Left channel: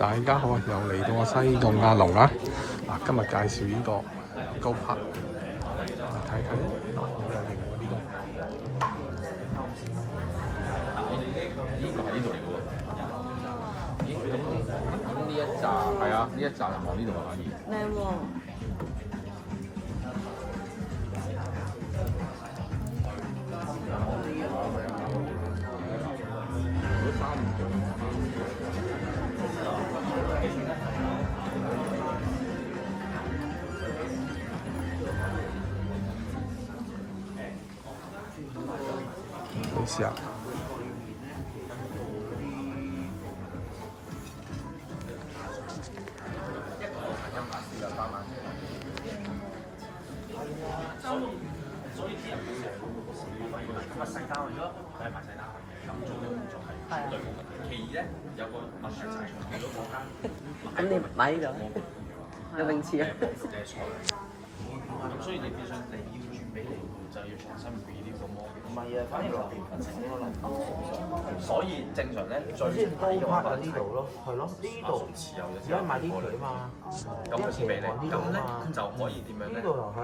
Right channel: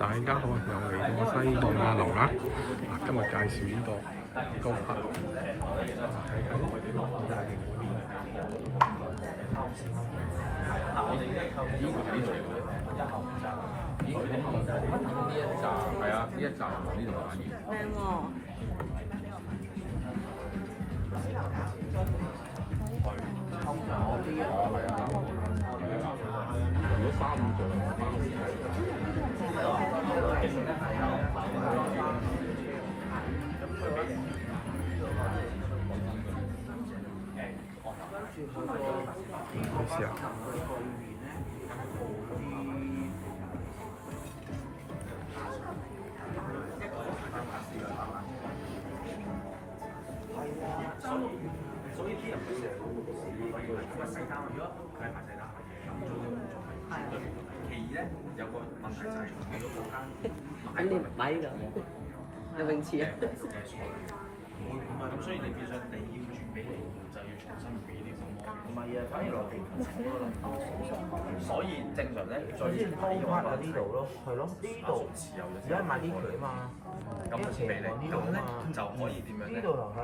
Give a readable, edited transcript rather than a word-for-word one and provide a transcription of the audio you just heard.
大家好，又嚟到我西貢亞龍啊！嗱，今日介紹呢個高柏，睇睇，好有型喎呢個。呢一紮係啊，呢一紮往呢度反而靚喎。你試下。所以啲人會成日會死咁啊細單咗，係買細單咁做嘅工作係絕對冇問題。其二咧有個問題就係好多國家，咁你買呢個有泳池啊？咁所以你變相你要轉俾你就要重新 read 呢個模。唔係啊，反而落地份情咯。所以正常咧，首先高 part 喺呢度咯，係咯，呢度而家買啲旗啊嘛，啲旗望呢度啊嘛，就可以點樣咧？呢度又係。